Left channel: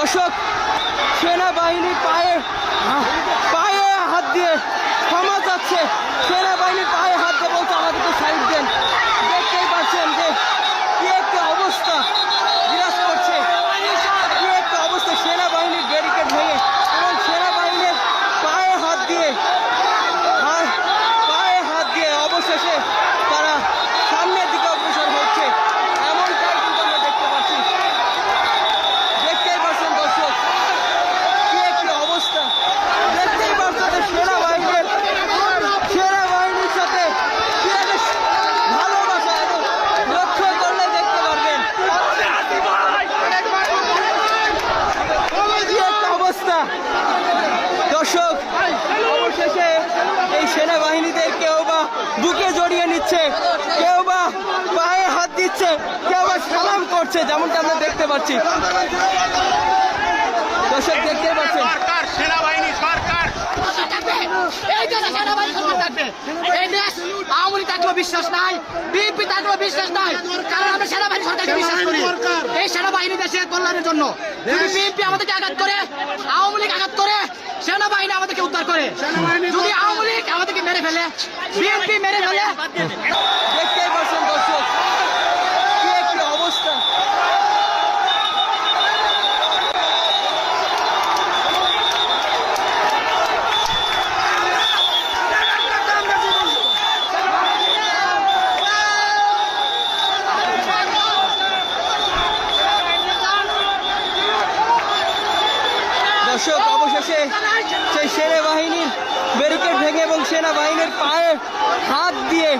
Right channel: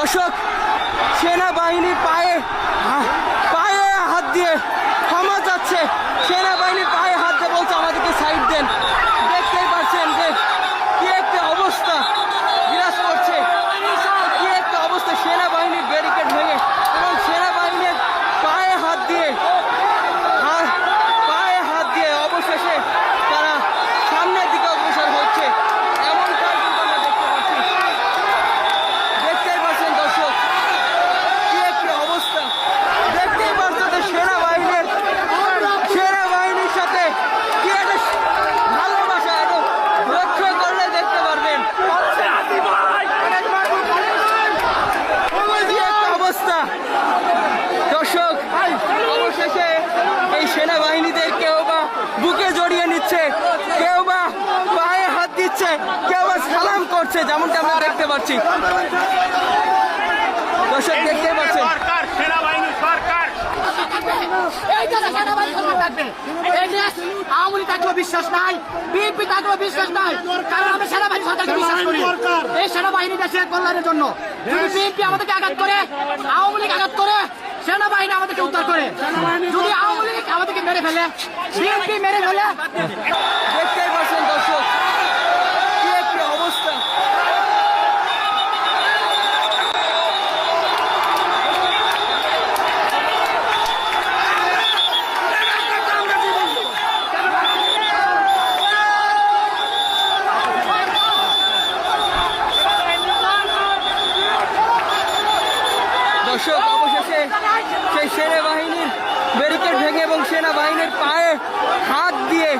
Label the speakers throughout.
Speaker 1: দর্শক সেনাবাহিনী পায়ে পায়ে হাত দিয়ে ক্ষমা চাচ্ছে। সেনাবাহিনী পায়ে হাত দিয়ে বলছে, আমাদেরকে সাইড দেন। দেখতেই পাচ্ছেন যে কি একটা অবস্থা বিরাজ করছে। কি একটা অবস্থা সেনাবাহিনীর ব্যারিকেড ভেঙে এবং সেনাবাহিনীর পায়ে হাত দিয়ে, আর পায়ে হাত দিয়ে অবশেষে তারা সামনের দিকে অগ্রসর হচ্ছে এমনটাই কিন্তু আমরা দেখতে পাচ্ছি দেখতেই পাচ্ছেন দর্শক কি একটি অবস্থা দেখতেই পাচ্ছেন যে সেনাবাহিনীর সেনাবাহিনীর সাথে কি একটা ভালোবাসা এবং লক্ষ্য করলে দেখতে পারবেন কি একটা অবস্থা দর্শক অবশেষে এই সেনাবাহিনীদের কেউ বা বুকে জড়িয়ে নিচ্ছে, কেউ বা পায়ে হাত দিচ্ছে, কেউ বা সালাম করছে, যেমনটা আমরা দেখতে পাচ্ছি। দর্শক, দেখতেই পাচ্ছেন।
Speaker 2: সেনাবাহিনী সরকার
Speaker 3: বিশ্বাস নাই। বিএনপি বিশ্বাস নাই। কারণ এই দেশের কল্যাণের জন্য। আমাদেরকে আঘাত করে, আওয়ামী লীগ আঘাত করে, সেনাবাহিনী আমাদেরকে উদ্ধার করে। যদি আওয়ামী লীগ আমাদেরকে মেরে ফেলে, বিএনপি মেরে ফেলে।
Speaker 1: দেখতেই পাচ্ছেন দর্শক কি একটি অবস্থা দর্শক অবশেষে সেই সেনাবাহিনীর ব্যারিকেড ভেঙে এবং সেনাবাহিনীর পায়ে হাত দিয়ে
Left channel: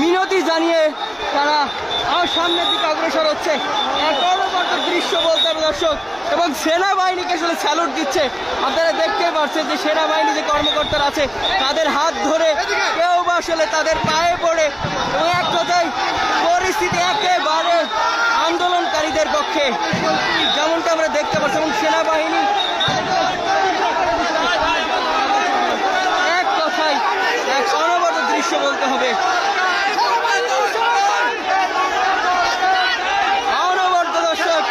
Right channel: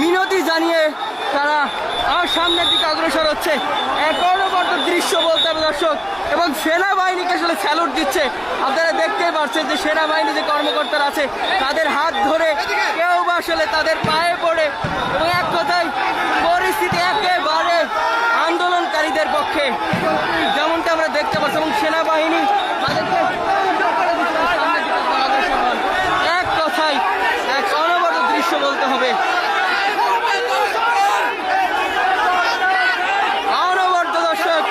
Speaker 1: মিনতি জানিয়ে তারা আর সামনের দিকে অগ্রসর হচ্ছে। অনবদ্য দৃশ্য বলতে হবে দর্শক, এবং সেনাবাহিনীকে আসলে স্যালুট দিচ্ছে। আপনারা দেখতেই পাচ্ছেন যে সেনাবাহিনী যে কর্মকর্তারা আছে, তাদের হাত ধরে কেউ বা আসলে তাদের পায়ে পড়ে এবং এক কথায় পরিস্থিতি একেবারে আন্দোলনকারীদের পক্ষে যেমনটা আমরা দেখতে পাচ্ছি, এবং সেনাবাহিনী এক কথায়, এক অনবদ্য দৃশ্য বলতে হবে। অনবদ্য দর্শক,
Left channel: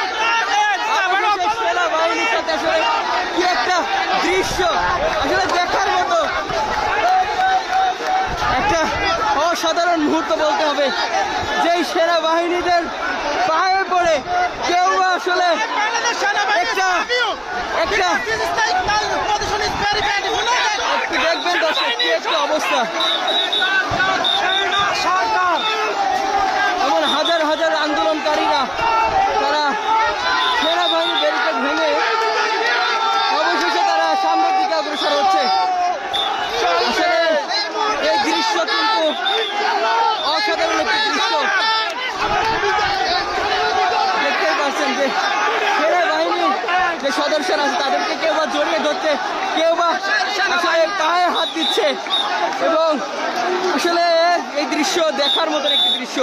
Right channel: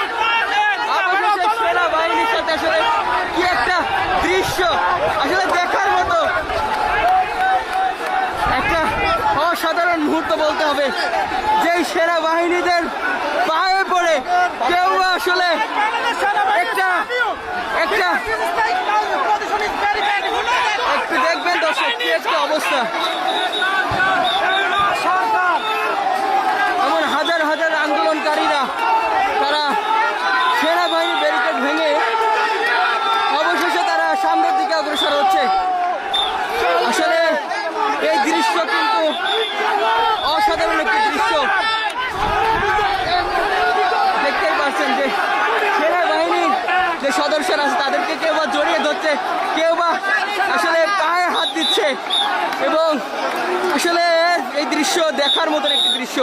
Speaker 1: অবশেষে সেনাবাহিনীর সাথে আসলে কি একটা দৃশ্য, আসলে দেখার মতো একটা অসাধারণ মুহূর্ত বলতে হবে, যেই সেনাবাহিনীদের পায়ে পড়ে কেউ আসলে একটা। একটা দেখবেন দর্শক, কি একটা অবস্থা। এমন হাজার হাজার আন্দোলনকারীরা, তারা সেনাবাহিনী ব্যারিকেড ভেঙে অবশেষে তারা সামনের দিকে অগ্রসর হচ্ছে। আসলে এই দৃশ্য কিন্তু অসাধারণ একটি দৃশ্য। দেখতেই পাচ্ছেন যে যে সদস্যরা আছে, তাদেরকে কেউ বা জড়িয়ে ধরছে, কেউ বা আসলে পায়ে হাত দিচ্ছে। এবং আসলে এই দৃশ্য দেখার মতন একটি দৃশ্য।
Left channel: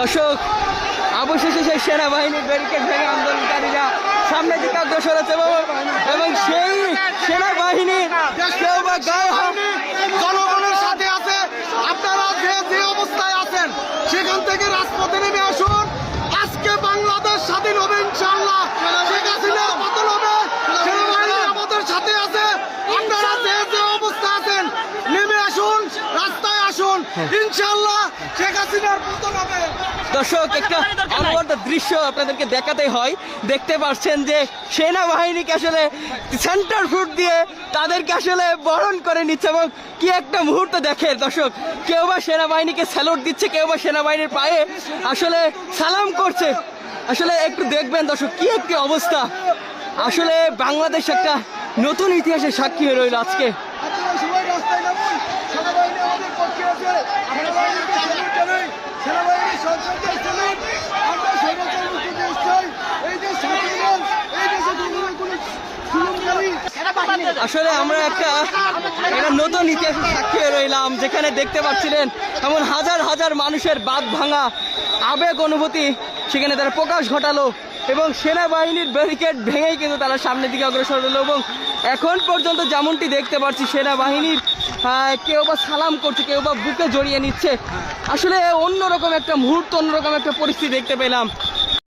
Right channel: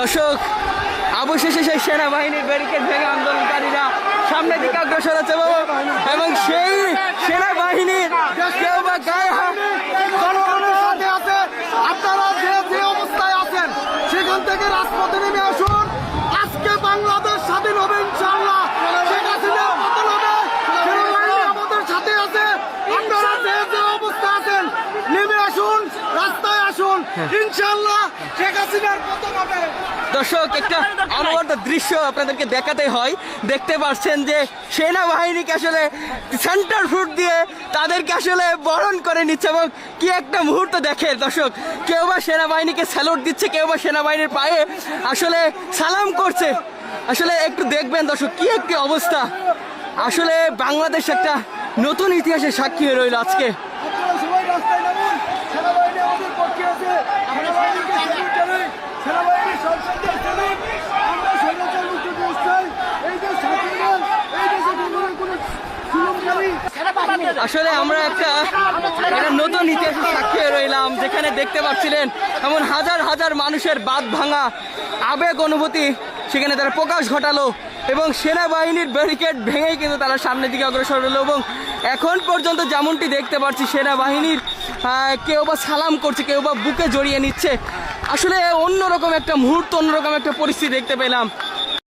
Speaker 1: দর্শক, অবশেষে সেই সেনাবাহিনীর ব্যারিকেড ভেঙে আন্দোলনকারীরা সামনের দিকে অগ্রসর হচ্ছে এবং সেই সেনাবাহিনীর
Speaker 4: রাজপথে নেমে আসুন। আজকে বাংলাদেশ স্বাধীন হবে ইনশাল্লাহ শেখ হাসিনা পতন হবে আমাদের সাথে আছে। আপনারা যে যে অবস্থা আছেন নেমে আসুন রাস্তায় আসুন। ইনশাআল্লাহ
Speaker 1: দর্শক, একটা অনবদ্য দৃশ্য আপনাদেরকে দেখাতে হয়। দেখতে পাচ্ছেন যে সেনাবাহিনীকে আসলে সেন্টার ফুট দিয়ে তাদেরকে আসলে বরণ করে নিচ্ছে এবং কি একটা মুহূর্ত দেখে দর্শক, কেউ বা সেনাবাহিনীকে স্যালুট দিচ্ছে, কেউ বা সেনাবাহিনীর পায়ে আসলে সালাম করছে। আসলে একটু দেখবেন দর্শক, কি একটি অবস্থা। আসলে বাংলাদেশ একটা নতুন ইতিহাসের সাক্ষী হয়ে রইল আজকে
Speaker 4: আপনারা সবাই রাস্তায় নামুন সেনাবাহিনী আমাদের পক্ষে আছে সেনাবাহিনীকে সেক্রেটারি সেনাবাহিনী সংসদের সেলিম আমরা স্বৈরাচার মুক্ত দেশ চাই এই দেশ স্বাধীন এই দেশে কোনো কোনো জুলুমকারী
Speaker 1: আসলে আমরা একটা একটা নতুন ইতিহাসের সাক্ষী রইলাম, যেখানে দেখতে পাচ্ছিলেন এমন হাজার হাজার মানুষের বাদ ভাঙা আবেগ অনুভূতি সেখানে তারা প্রকাশ ঘটালো এবং সেনাবাহিনীর ব্যারিকেড ভেঙেই কিন্তু তারা সামনের দিকে অগ্রসর হলো এবং এখন পর্যন্ত যেমনটি দেখতে পাচ্ছি, সেনাবাহিনীর কেউ বা সালাম করছে, কেউ বা বুকে জড়িয়ে নিচ্ছে। আসলে অন্যরকম একটা মুহূর্ত, অন্যরকম একটা পরিস্থিতি দেখতে পেলাম।